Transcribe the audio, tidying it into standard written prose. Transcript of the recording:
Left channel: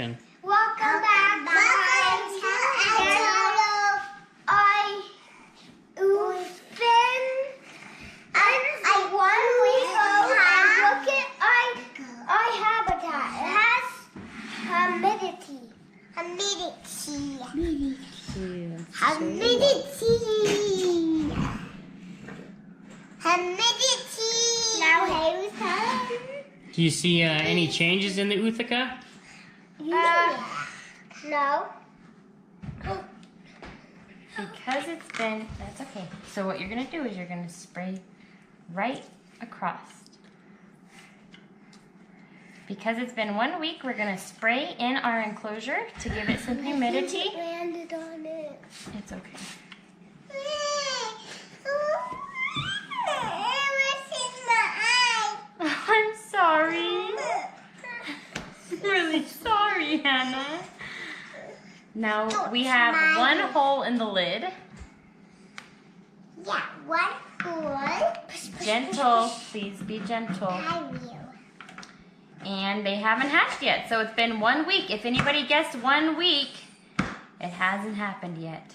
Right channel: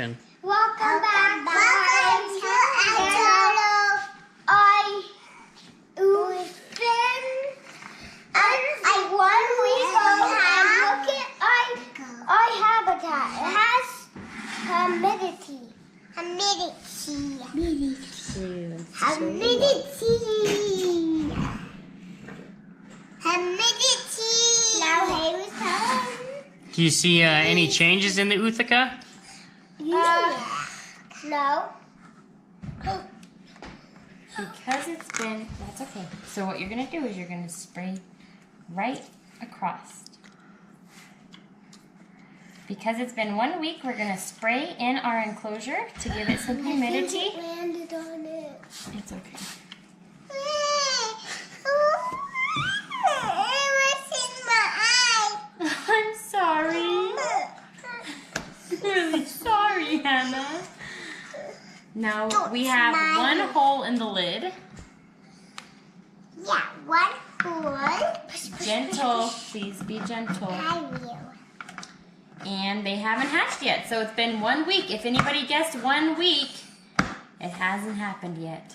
Welcome back to one week old and look at our habitat. It has humidity. Now Haley's turn. Do you see any changes in the Ootheca? No. Because it's been, that's okay. So what you're going to do is you're going to spray right across. Because it's been 1 week, we're going to spray in our enclosure to give it some humidity. It landed on it. It's okay. I'm sorry. Really sorry, Hannah. Now we have one hole in the lid. Yeah, one hole. Gentle, please be gentle. I will. And they haven't hatched yet, so it's been 1 week. If anybody guessed 1 week, it hasn't happened yet.